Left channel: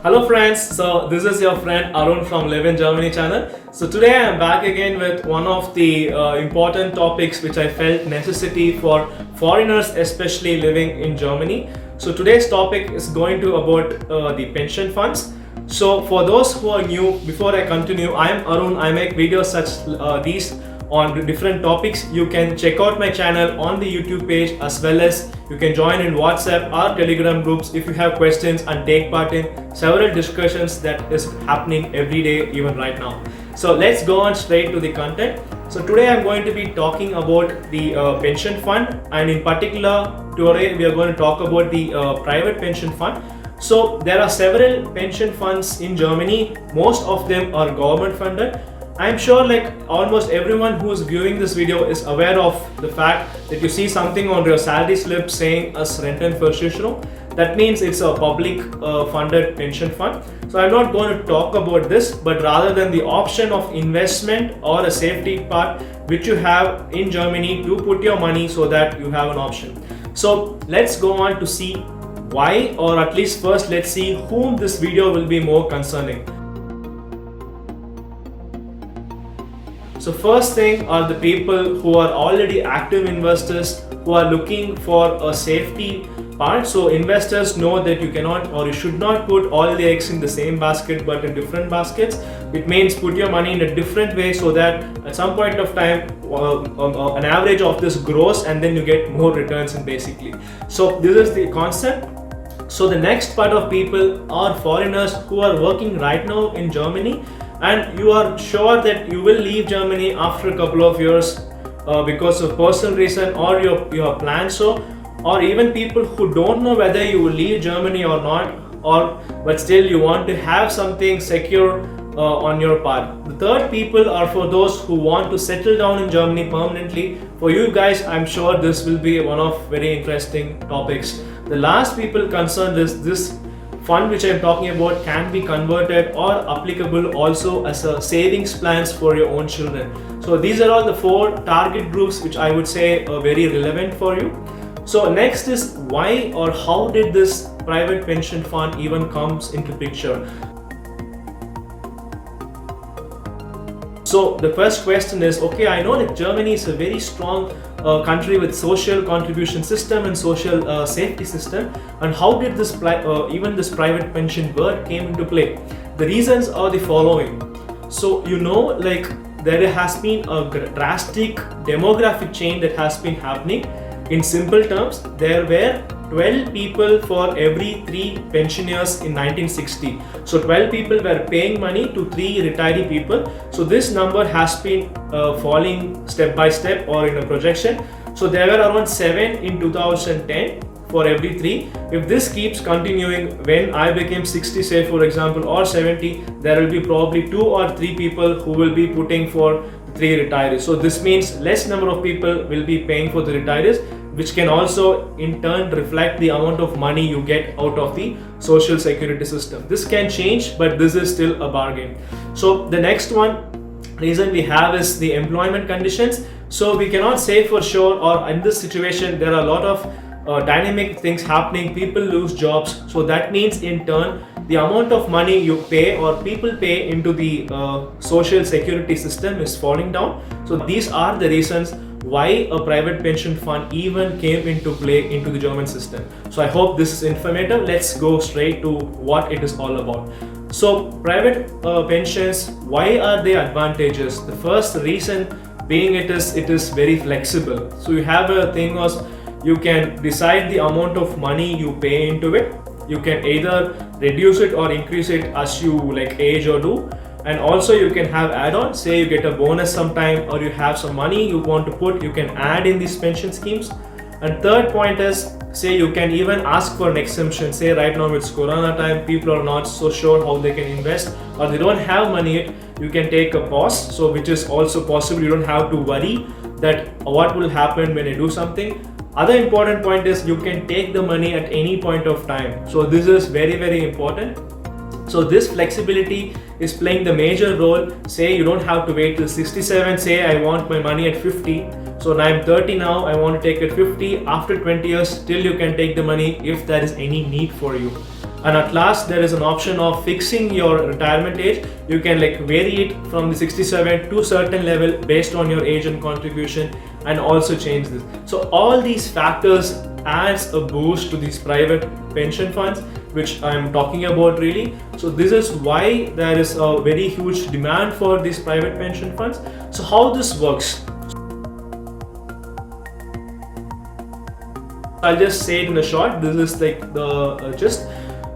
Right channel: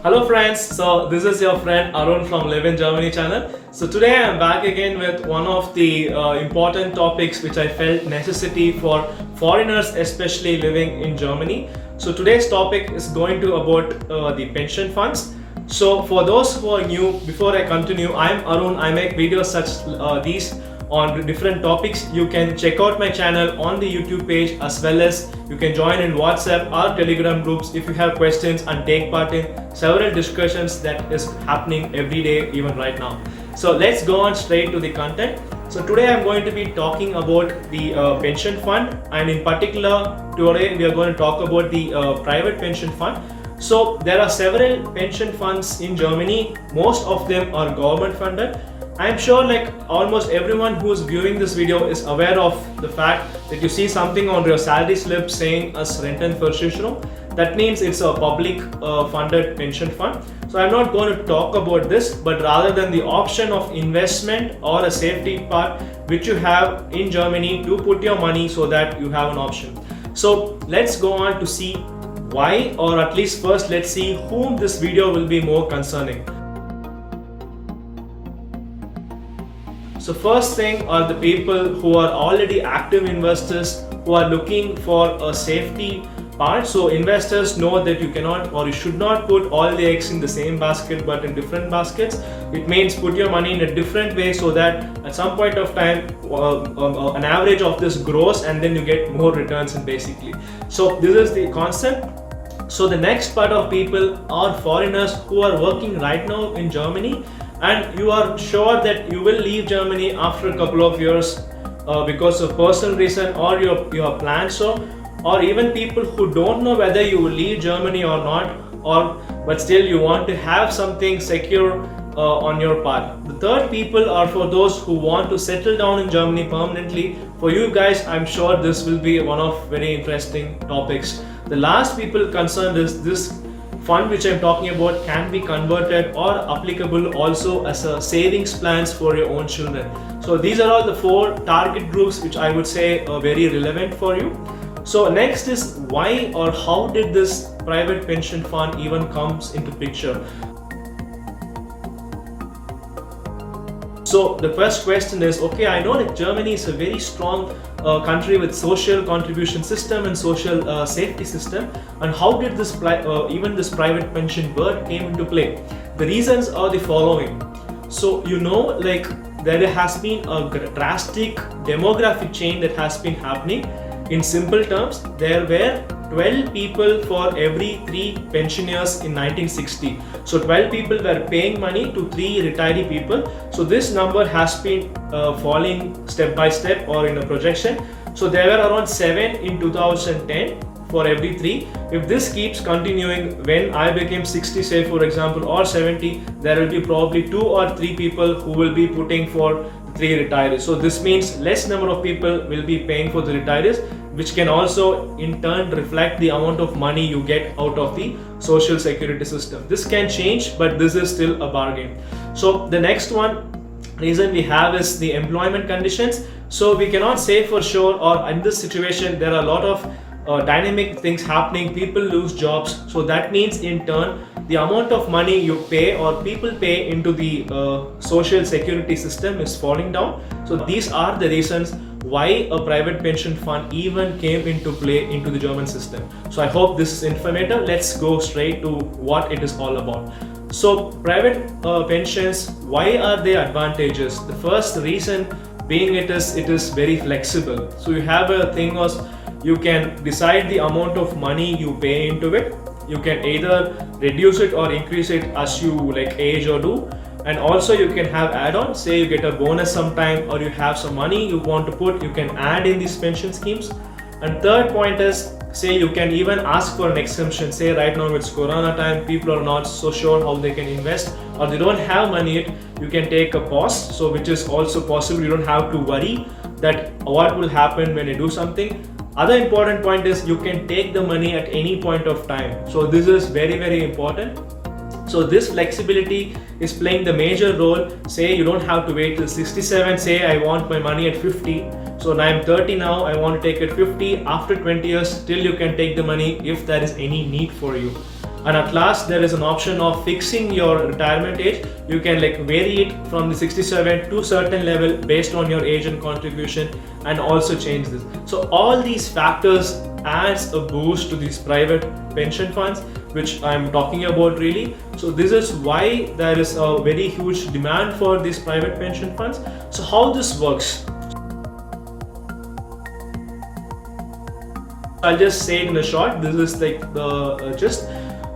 Hello friends, so this is your friend Arun from Live in Germany channel. So today I am back again with one of the important topics which I felt necessity for foreigners especially living in Germany. So today's topic is going to about the pension funds. So for those who are new, before I continue, I am Arun. I make videos such these on different topics. You can check out my channel on the YouTube page, as well as you can join in WhatsApp or Telegram groups if you have questions and take part in several discussions that is happening every day, even right now. So let's go on straight to the content. So today I'm going to be talking about the pension fund, and in particular today we are going to talk about the private pension fund. So there are several pension funds in Germany. Most of them are government funded. I'm sure like almost everyone who is viewing this video is aware of the fact that you see something on your salary slip saying as Rentenversicherung. That means it's a public funded pension fund. So I'm not going to talk about this, but rather than the option of investment or a safety part which you have in Germany to put your money so that you have an option. So let's go on to see why, or at least first let's see whom this video will be more concerning. So first thing are the people who are already active investors who are looking for a safety part. So investors know that you cannot or you should not put all the eggs in the same basket but in different baskets. It means put your money in a different way so that at some point of time an average of this grows and then you get more returns in basically. So this is the concept. So the next part of people are foreigners who are working right now in Germany, and you are sure that you will leave Germany after a couple of years because of personal reason, or you have planned so, or even people who don't know whether you will leave Germany or not, or but still you want to have something secure on your part. The third people are for those who want to settle down in Germany permanently. For you guys, I'm sure this will be one of very interesting topics. The last people concerned is this fund which I'm talking about can be converted or applicable also as a savings plans for your own children. So these are all the four target groups which I would say are very relevant for you. So next is why or how did this private pension fund even comes into picture? So the first question is, okay, I know that Germany is a very strong country with social contribution system and social safety system, and how did this even this private pension word came into play? The reasons are the following. So like there has been a drastic demographic change that has been happening. In simple terms, there were 12 people for every 3 pensioners in 1960. So 12 people were paying money to 3 retiree people. So this number has been falling step by step or in a projection. So there were around 7 in 2010 for every 3. If this keeps continuing, when I became 60, say for example, or 70, there will be probably 2 or 3 people who will be putting for 3 retirees. So this means less number of people will be paying for the retirees, which can also in turn reflect the amount of money you get out of the social security system. This can change, but this is still a bargain. So the next reason we have is the employment conditions. So we cannot say for sure, or in this situation there are a lot of dynamic things happening. People lose jobs, so that means in turn the amount of money you pay or people pay into the social security system is falling down. So these are the reasons why a private pension fund even came into play into the German system. So I hope this is informative. Let's go straight to what it is all about. So private pensions, why are they advantageous? The first reason being it is very flexible. So you have a thing was you can decide the amount of money you pay into it. You can either reduce it or increase it as you like age or do. And also you can have add-ons, say you get a bonus sometime, or you have some money you want to put, you can add in these pension schemes. And third point is, say you can even ask for an exemption. Say right now it's Corona time, people are not so sure how they can invest, or they don't have money yet, you can take a pause. So which is also possible, you don't have to worry that what will happen when you do something. Other important point is you can take the money at any point of time. So this is very, very important. So this flexibility is playing the major role. Say you don't have to wait till 67, say I want my money at 50. So I'm 30 now, I want to take it 50. After 20 years, still you can take the money if there is any need for you. And at last, there is an option of fixing your retirement age. You can like vary it from the 67 to certain level based on your age and contribution, and also change this. So all these factors adds a boost to these private pension funds, which I'm talking about really. So this is why there is a very huge demand for these private pension funds. So how this works? I'll just say it in a short. This is like the gist.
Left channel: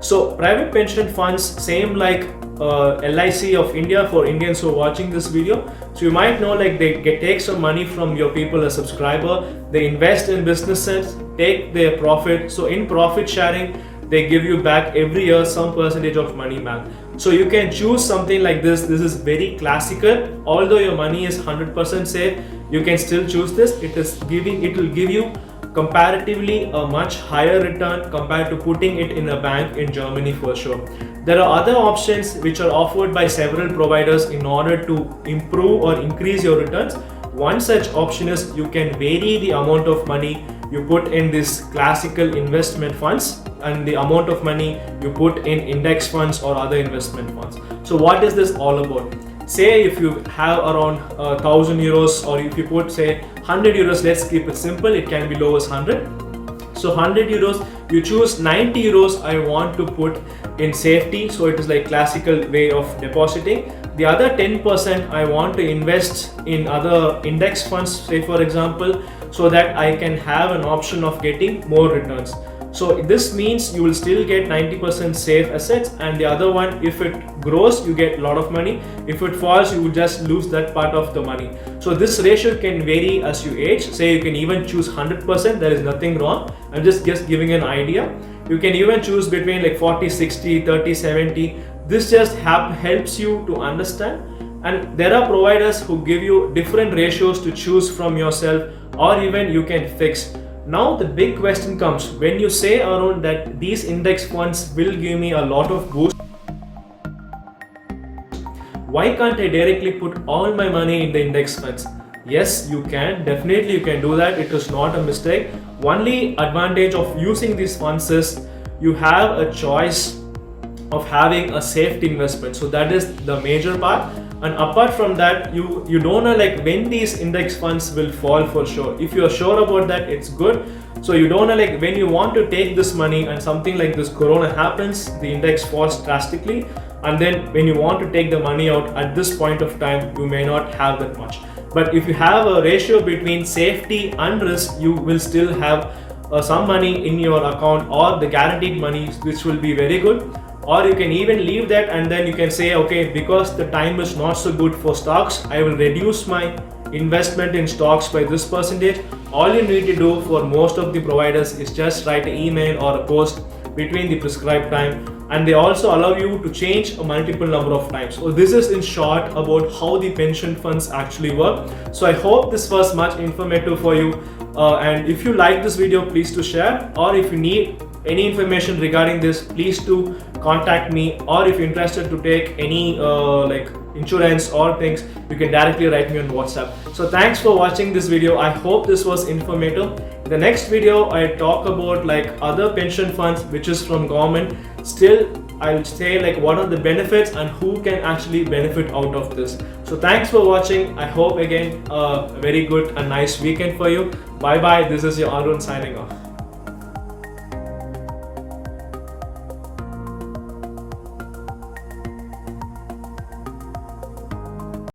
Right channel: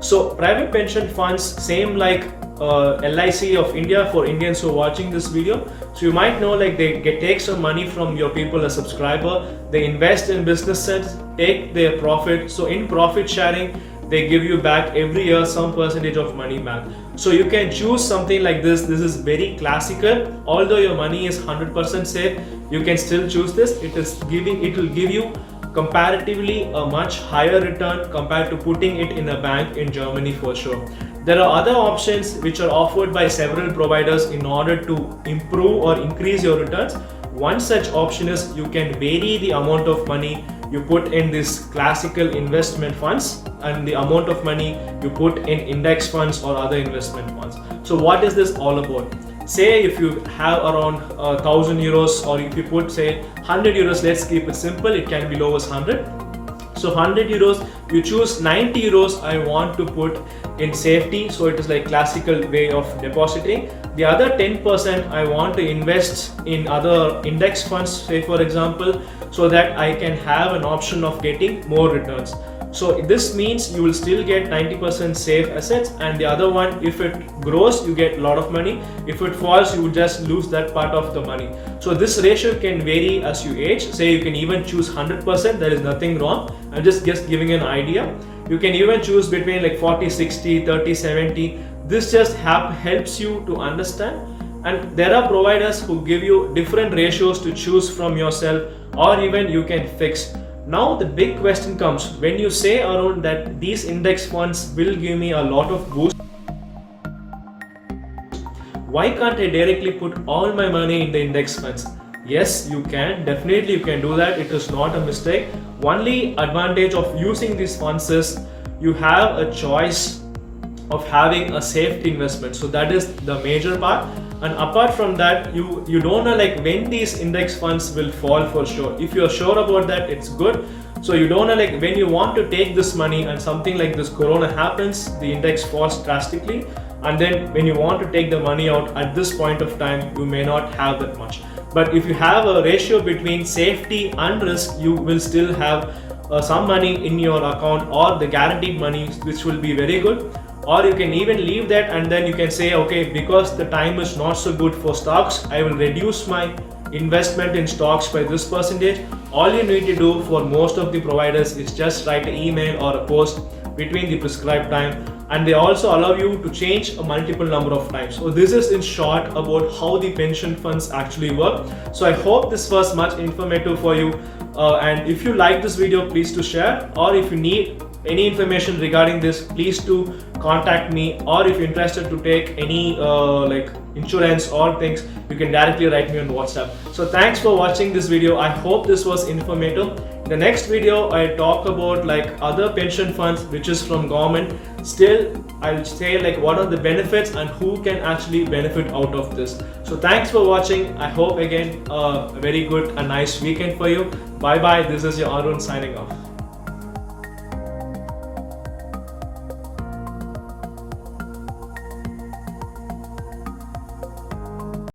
So private pension funds, same like LIC of India for Indians who are watching this video. So you might know like they take some money from your people as subscriber. They invest in businesses, take their profit. So in profit sharing, they give you back every year some percentage of money back. So you can choose something like this. This is very classical. Although your money is 100% safe, you can still choose this. It will give you comparatively a much higher return compared to putting it in a bank in Germany for sure. There are other options which are offered by several providers in order to improve or increase your returns. One such option is you can vary the amount of money you put in these classical investment funds and the amount of money you put in index funds or other investment funds. So what is this all about? Say if you have around 1,000 euros, or if you put say 100 euros, let's keep it simple, it can be low as 100. So 100 euros, you choose 90 euros I want to put in safety, so it is like classical way of depositing. The other 10% I want to invest in other index funds, say for example, so that I can have an option of getting more returns. So this means you will still get 90% safe assets, and the other one, if it grows, you get a lot of money. If it falls, you will just lose that part of the money. So this ratio can vary as you age. Say you can even choose 100%, there is nothing wrong. I'm just giving an idea. You can even choose between like 40, 60, 30, 70. This just helps you to understand. And there are providers who give you different ratios to choose from yourself, or even you can fix. Now the big question comes, when you say Arun that these index funds will give me a lot of boost, why can't I directly put all my money in the index funds? Yes, you can. Definitely you can do that. It is not a mistake. Only advantage of using these funds is you have a choice of having a safety investment. So that is the major part. And apart from that, you don't know like when these index funds will fall for sure. If you are sure about that, it's good. So you don't know like when you want to take this money and something like this corona happens, the index falls drastically, and then when you want to take the money out at this point of time, you may not have that much. But if you have a ratio between safety and risk, you will still have some money in your account, or the guaranteed money, which will be very good. Or you can even leave that, and then you can say, okay, because the time is not so good for stocks, I will reduce my investment in stocks by this percentage. All you need to do for most of the providers is just write an email or a post between the prescribed time, and they also allow you to change a multiple number of times. So this is in short about how the pension funds actually work. So I hope this was much informative for you, and if you like this video, please to share, or if you need any information regarding this, please to contact me, or if you're interested to take any like insurance or things, you can directly write me on WhatsApp. So thanks for watching this video. I hope this was informative. In the next video, I talk about like other pension funds which is from government. Still, I'll say like what are the benefits and who can actually benefit out of this. So thanks for watching. I hope again a very good and nice weekend for you. Bye bye. This is your Arun signing off.